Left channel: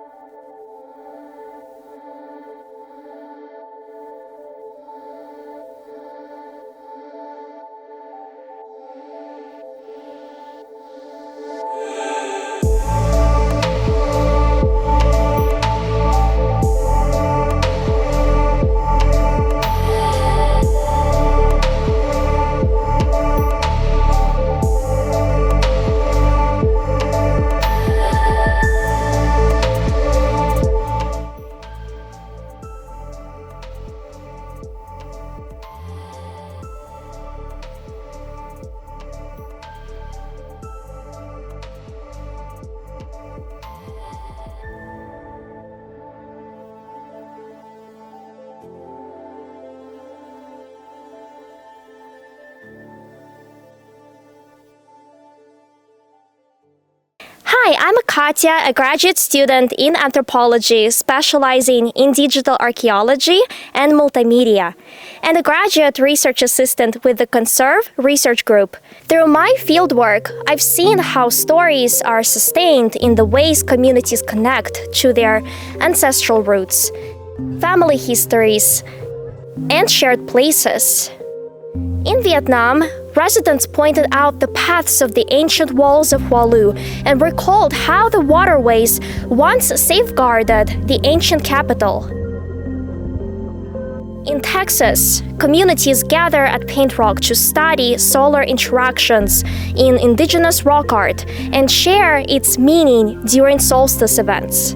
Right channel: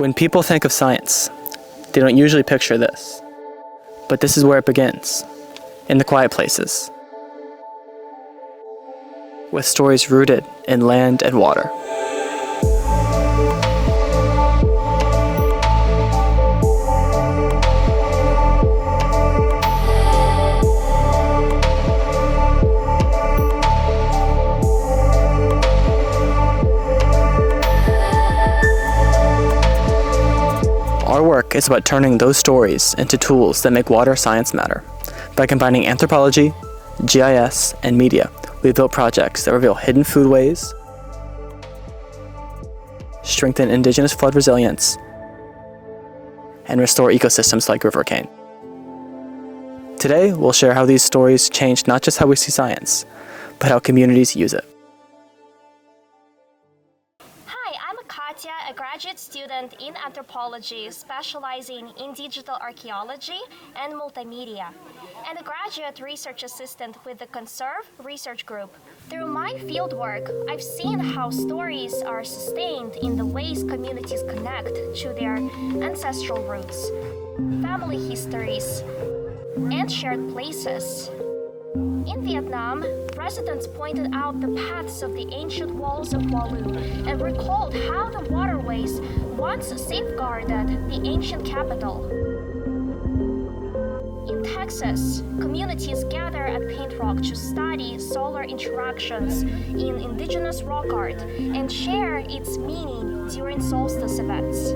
When people think of science, they don't usually picture this. But this is where it begins, in the quiet places, with stories rooted in land and water. It's about turning those stories into tools that make water science matter. By combining anthropology, GIS, and media, we've built projects that reveal hidden foodways, strengthen indigenous flood resilience, and restore ecosystems like rivercane. Today, we'll share how these stories change not just how we see science, but how communities use it. Hi, I'm Katya, a graduate student in anthropology specializing in digital archaeology and multimedia, and a graduate research assistant with the CONSERVE research group. Through my fieldwork, I've seen how stories are sustained in the ways communities connect to their ancestral roots, family histories, and shared places. In Vietnam, residents pointed out the paths of the ancient walls of Hualu and recalled how the waterways once safeguarded the ancient capital. In Texas, communities gather at Paint Rock to study solar interactions in indigenous rock art and share its meaning during solstice events.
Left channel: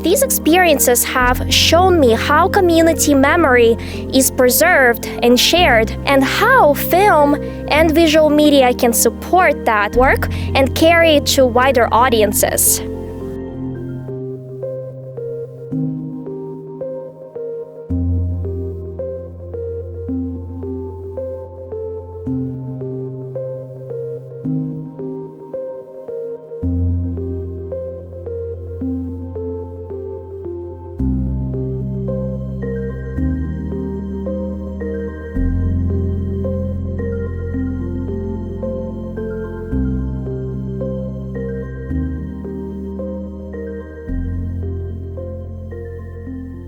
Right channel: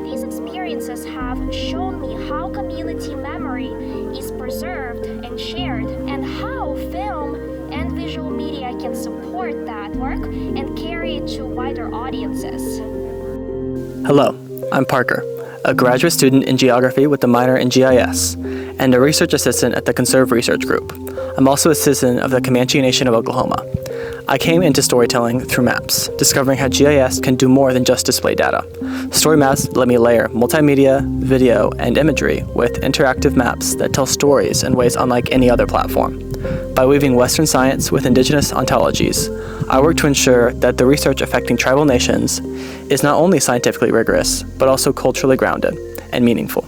These experiences have shown me how community memory is preserved and shared, and how film and visual media can support that work and carry it to wider audiences. Hello, I'm Parker, a graduate student in geography with a minor in GIS, and a research assistant at the CONSERVE research group. I'm also a citizen of the Comanche Nation of Oklahoma. I came into storytelling through maps, discovering how GIS can do more than just display data. Story maps let me layer multimedia, video, and imagery with interactive maps that tell stories in ways unlike any other platform. By weaving Western science with indigenous ontologies, I work to ensure that the research affecting tribal nations is not only scientifically rigorous, but also culturally grounded and meaningful.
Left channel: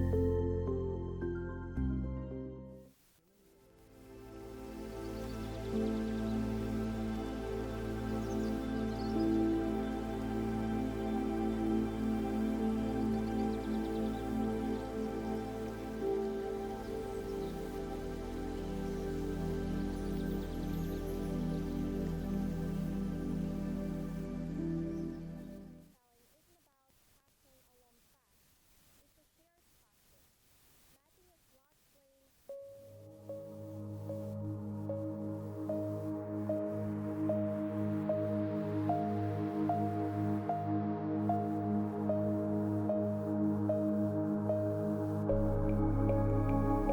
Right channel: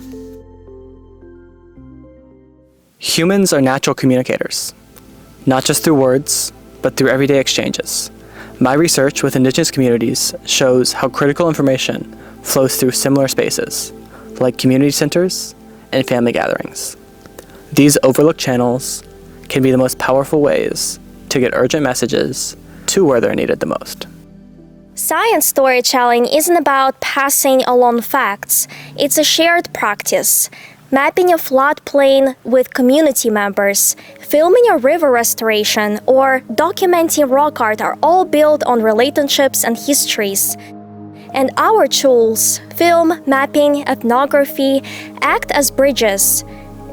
Humans are natural communicators, not just through words, but through everyday exchanges. My research with indigenous communities shows how critical information flows through similar spaces, like community centers and family gatherings. These overlooked channels can be the most powerful ways to get urgent messages to where they're needed the most. Science storytelling isn't about passing along facts, it's a shared practice. Mapping a floodplain with community members, filming a river restoration, or documenting rock art are all built on relationships and histories. And our tools, film, mapping, ethnography, act as bridges.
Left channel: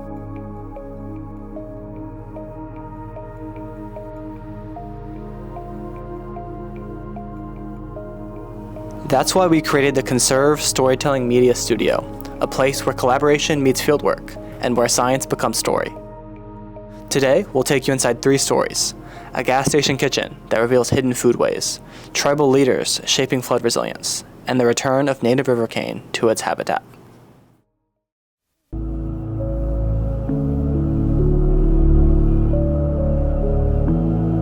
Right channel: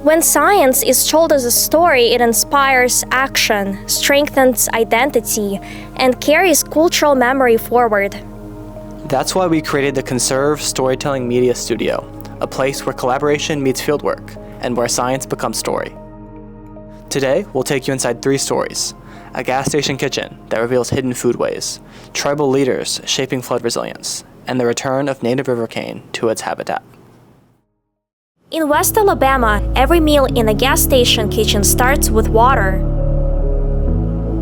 When science is told as a story, it inspires action, strengthens identity, and carries cultural memory forward. That's why we created the CONSERVE Storytelling Media Studio, a place where collaboration meets fieldwork and where science becomes story. Today, we'll take you inside 3 stories: a gas station kitchen that reveals hidden foodways, tribal leaders shaping flood resilience, and the return of native rivercane to its habitat. In West Alabama, every meal in a gas station kitchen starts with water.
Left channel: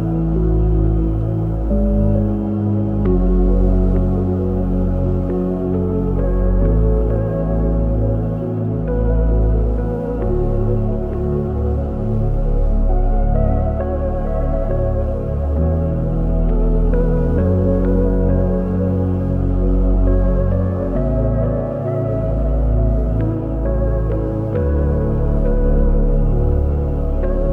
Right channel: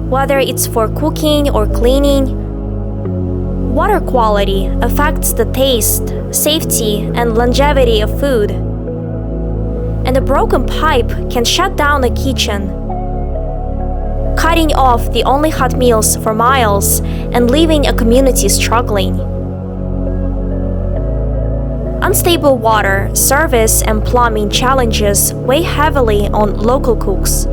Whether it's for cooking or cleaning, water quality affects the taste, safety, and longevity of food. And a broken pipe can shut down a kitchen, cutting off the only hot meals for miles and leaving a community struggling. Unstable water, service, and plumbing challenges weigh heavily on local cooks,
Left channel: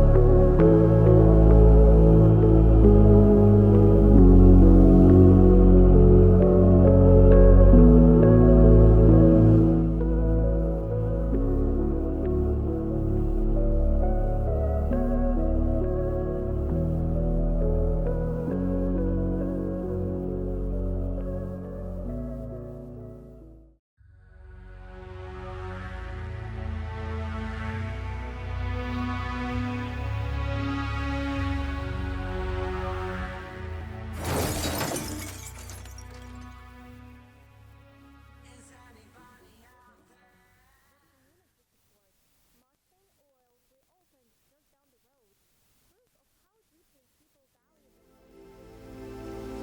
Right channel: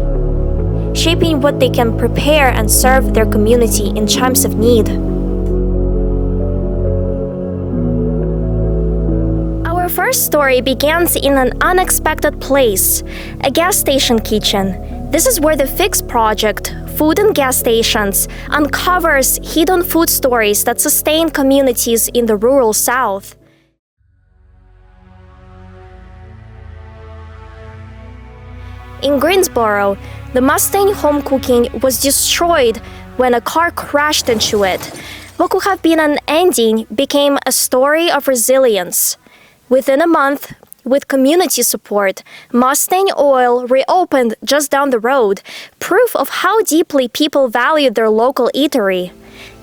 shaping what they can prepare and serve their community in times of need. Our first story begins in an unexpected place, a gas station kitchen. This is where the FIX project, Food and Gas Stations, uncovers hidden food stories that sustain communities in the rural South. In Greensboro, the Mustang home cooking was destroyed when a car crashed into it. What could have been an ending became a story of resilience. Within a month, with community support, Mustang Oil reopened just down the road, proof of how deeply people valued their local eatery.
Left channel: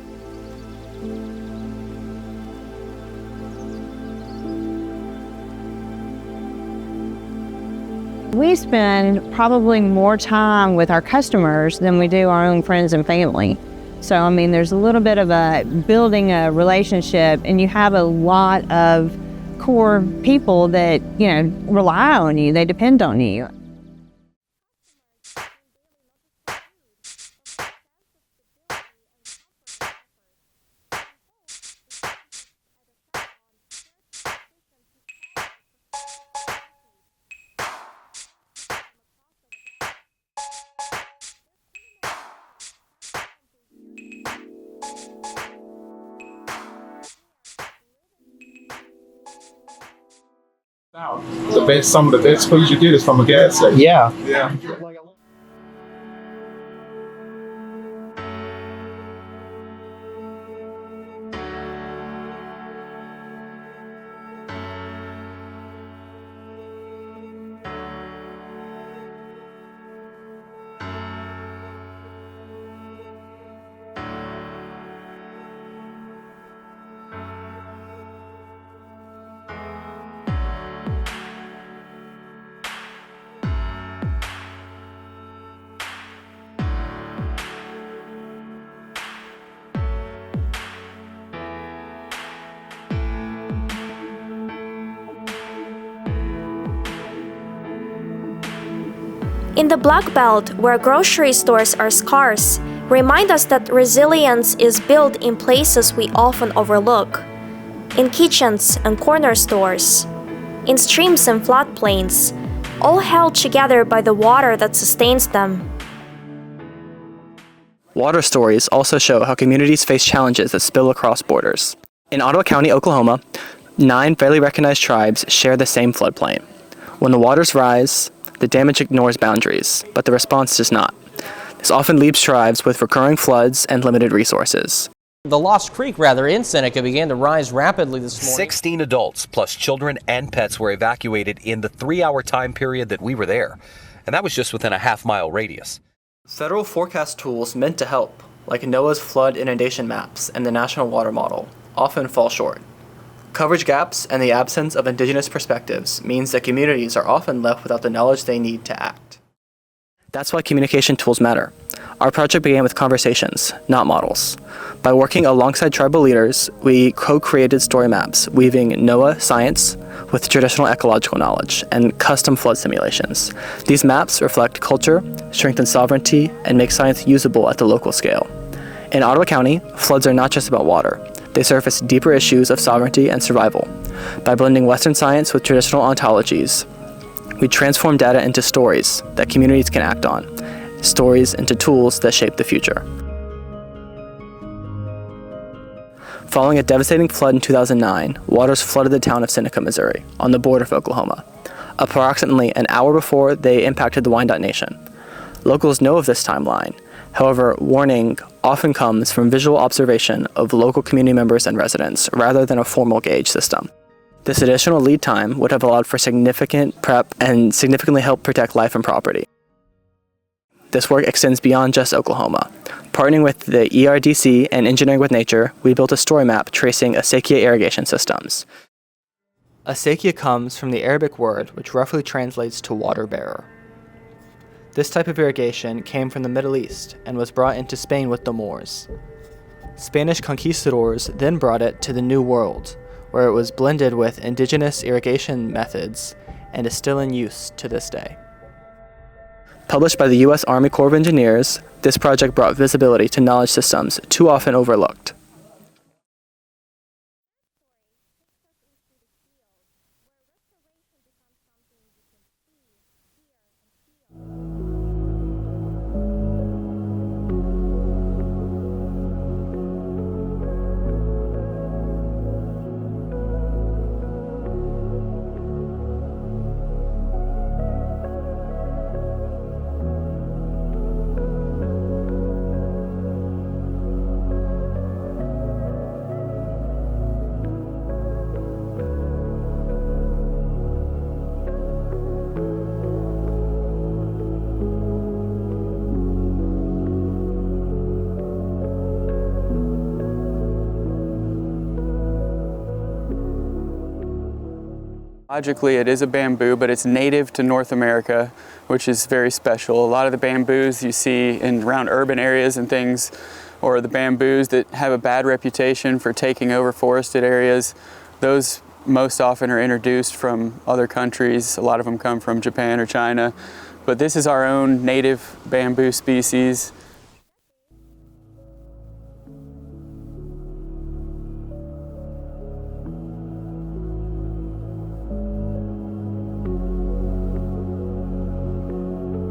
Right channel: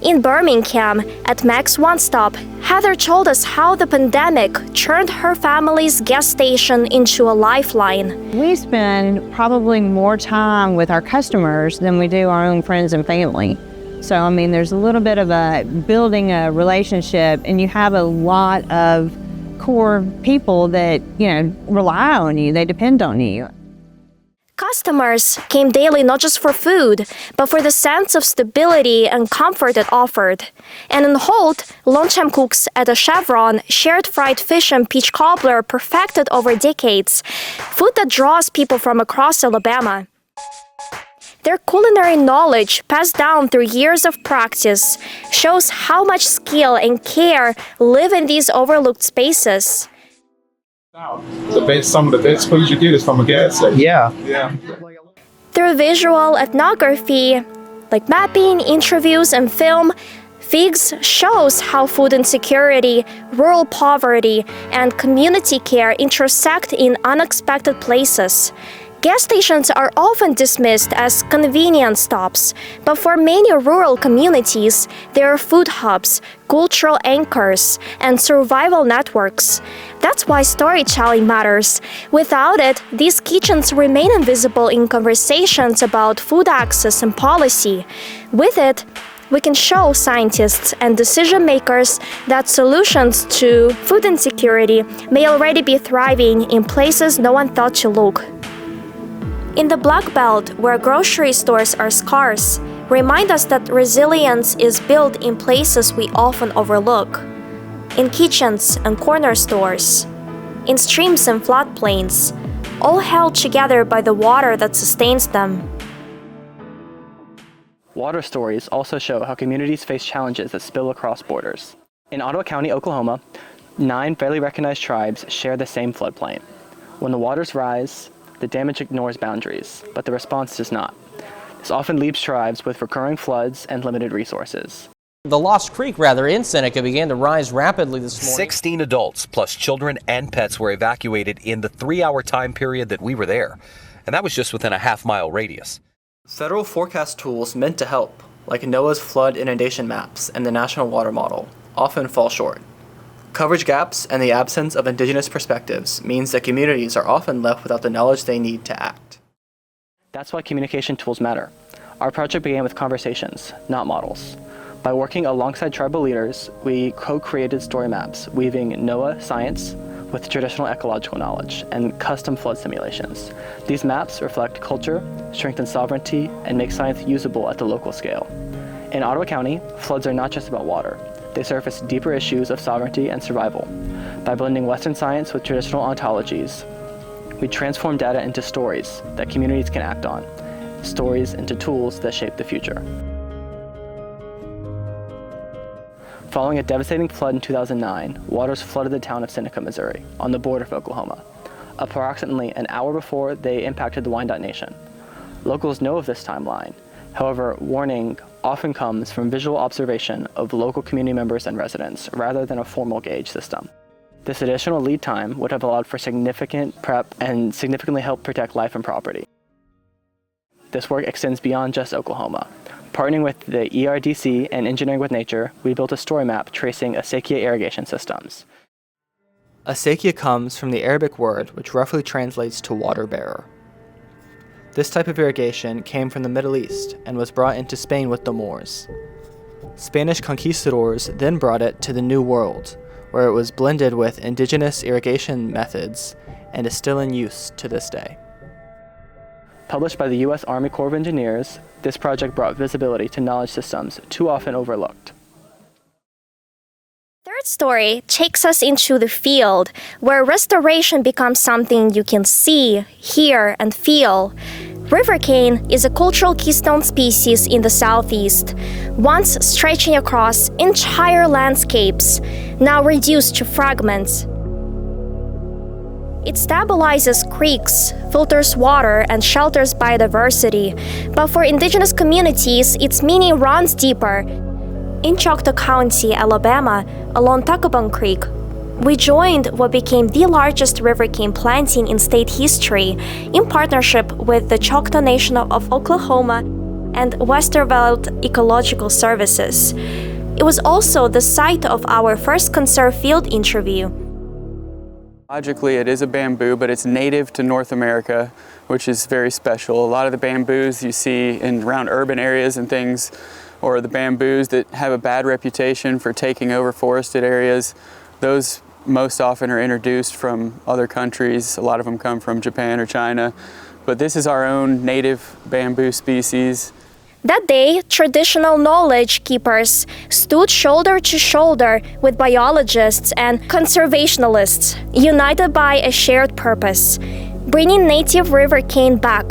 In Birmingham, at Mac's One Stop, Heather told us how the pandemic turned her family's gas station into a lifeline. We spend probably more time with our customers than we do our own friends and family. So, I mean, there's a little bit of building a relationship, and you have a lot of core people that, rely on you, they depend on you. Customers came daily not just for food, but for the sense of stability and comfort it offered. And in Holt, lunchtime cooks at a Chevron shared fried fish and peach cobbler perfected over decades, food that draws people from across Alabama. Their culinary knowledge, passed down through years of practice, shows how much skill and care live in these overlooked spaces. Some of the best food you get is from a gas station. Yeah. Through visual ethnography, like mapping, interviews, and film, FIGS shows how food insecurity, rural poverty, and community care intersect in unexpected places. Gas stations are often dismissed as convenience stops, but for many rural communities, they are food hubs, cultural anchors, and survival networks. That's why storytelling matters. Without it, these kitchens remain invisible in conversations about food access and policy. With it, we can show scientists and decision makers that solutions to food insecurity may already be thriving in places no one thought to look. In the Black Belt, where grocery stores are scarce, remind us that resilience is built in places we often overlook. In kitchens and corner stores, in streams and floodplains, all held together by the water that sustains them. Water stories also show how communities face challenges that spill across borders. In Ottawa County, Oklahoma, 9 fairly recognized tribes share the same floodplain. When the waters rise, the damage ignores boundaries, but the response does not. This often leaves tribes with recurring floods and limited resources. The Lost Creek, in Seneca began to rise rapidly this morning. 16 adults plus children and pets were evacuated in the 3-hour time period that we were there. And that was just within a half-mile radius. Federal forecast tools meant to help, like NOAA's flood inundation maps and the National Water Model, often fall short. Coverage gaps and the absence of Indigenous perspectives means that communities are often left without the knowledge they need to act. That's why communication tools matter. Our project began with conversations, not models. By working alongside tribal leaders, we co-created story maps, weaving NOAA science with traditional ecological knowledge and custom flood simulations. These maps reflect culture, strengthen sovereignty, and make science usable at the local scale. In Ottawa County, floods are not just about water. They surface deeper issues of sovereignty and survival. By blending Western science with traditional ontologies, we transform data into stories that communities can act on, stories into tools that shape the future. Following a devastating flood in 2009, waters flooded the town of Seneca, Missouri, on the border of Oklahoma, approximately an hour before they impacted the Wyandotte Nation. Locals know of this timeline. However, warning often comes from visual observation of local community members and residents, rather than a formal gauge system. This additional lead time would have allowed for significant prep and significantly helped protect life and property. This work extends beyond just Oklahoma. Partnering with the ERDC and Engineering with Nature, we built a story map tracing acequia irrigation systems. Acequia comes from the Arabic word which roughly translates to water bearer. This type of irrigation came from the Middle East and was brought into Spain with the Moors. Spanish conquistadors then brought it to the New World, where it was blended with indigenous irrigation methods and is still in use to this day. Published by the U.S. Army Corps of Engineers, this project brought visibility to knowledge systems too often overlooked. Third story takes us into the field, where restoration becomes something you can see, hear, and feel. Rivercane is a cultural keystone species in the southeast, once stretching across entire landscapes, now reduced to fragments. It stabilizes creeks, filters water, and shelters biodiversity, but for indigenous communities, its meaning runs deeper. In Choctaw County, Alabama, along Tuckabong Creek, we joined what became the largest rivercane planting in state history in partnership with the Choctaw Nation of Oklahoma and Westerveld Ecological Services. It was also the site of our first CONSERVE field interview. Logically, it is a bamboo, but it's native to North America, which is very special. A lot of the bamboos you see in around urban areas and things, or the bamboos that have a bad reputation for taking over forested areas, those most often are introduced from other countries. A lot of them come from Japan or China, but this is our own native bamboo species. That day, traditional knowledge keepers stood shoulder to shoulder with biologists and conservationalists, united by a shared purpose: bringing native rivercane back.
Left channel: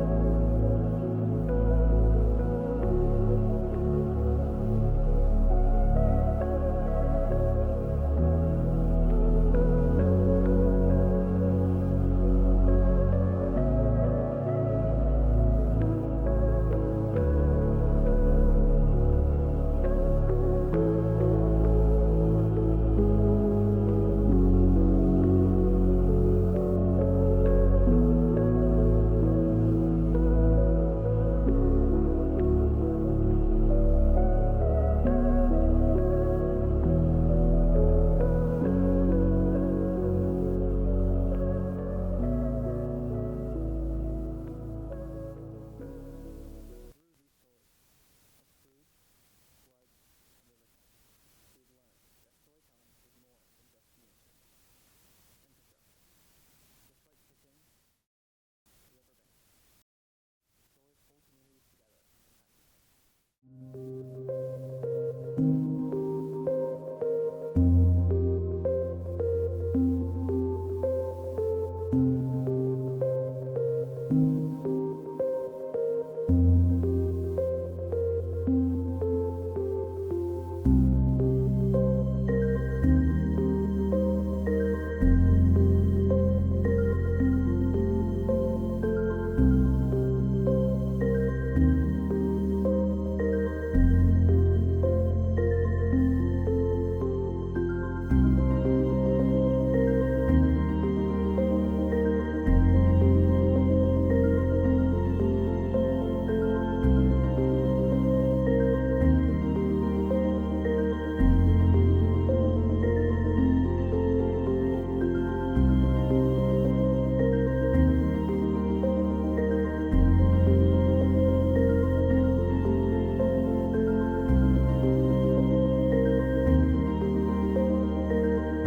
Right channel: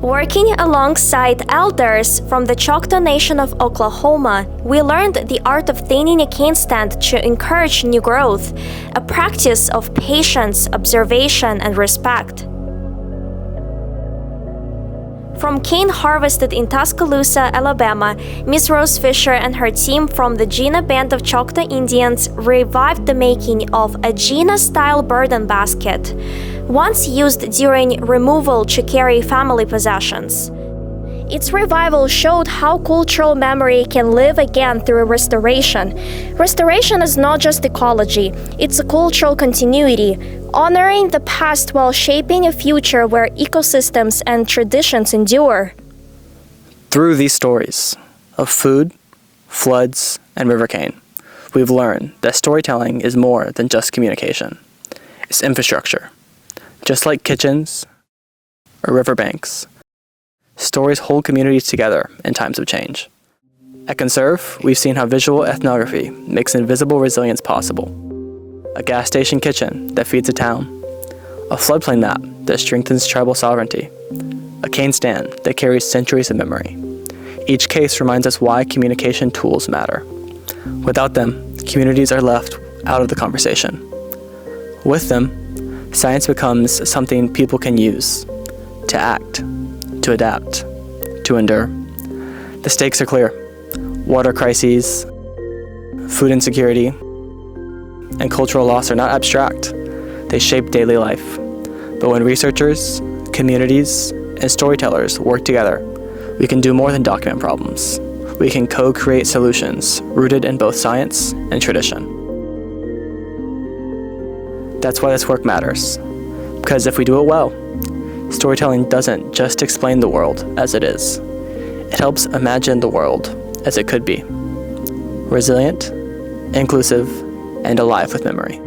Working alongside elders from the Choctaw Nation of Oklahoma, we learned the art of thinning a cane stand to encourage new growth, a practice of patience, observation, and respect. From cane harvested in Tuscaloosa, Alabama, Ms. Rose Fisher and her team from the Gina Band of Choctaw Indians revived the making of a Gina-style burden basket, once used during removal to carry family possessions. Its revival showed how cultural memory can live again through restoration. Restoration is not just ecology, it's a cultural continuity, honoring the past while shaping a future where ecosystems and traditions endure. Through these stories of food, floods, and rivercane, we've learned that storytelling is more than just communication. It's infrastructure. Just like kitchens or riverbanks, stories hold communities together in times of change. At CONSERVE, we've seen how visual ethnography makes invisible resilience possible. A gas station kitchen that feeds a town, a floodplain map that strengthens tribal sovereignty, a cane stand that carries centuries of memory. Each case reminds us why communication tools matter. Without them, communities are left out of the conversation. With them, science becomes something people can use to act, to adapt, to endure. The stakes are clear. Water crises, food insecurity, and cultural loss are not abstract. They shape daily life. But when researchers, communities, and storytellers work together, we can do more than document problems. We can co-create solutions rooted in both science and tradition. That's why this work matters. Because if we do it well, storytelling doesn't just explain the world as it is. It helps imagine the world as it could be. Resilient, inclusive, and alive with memory.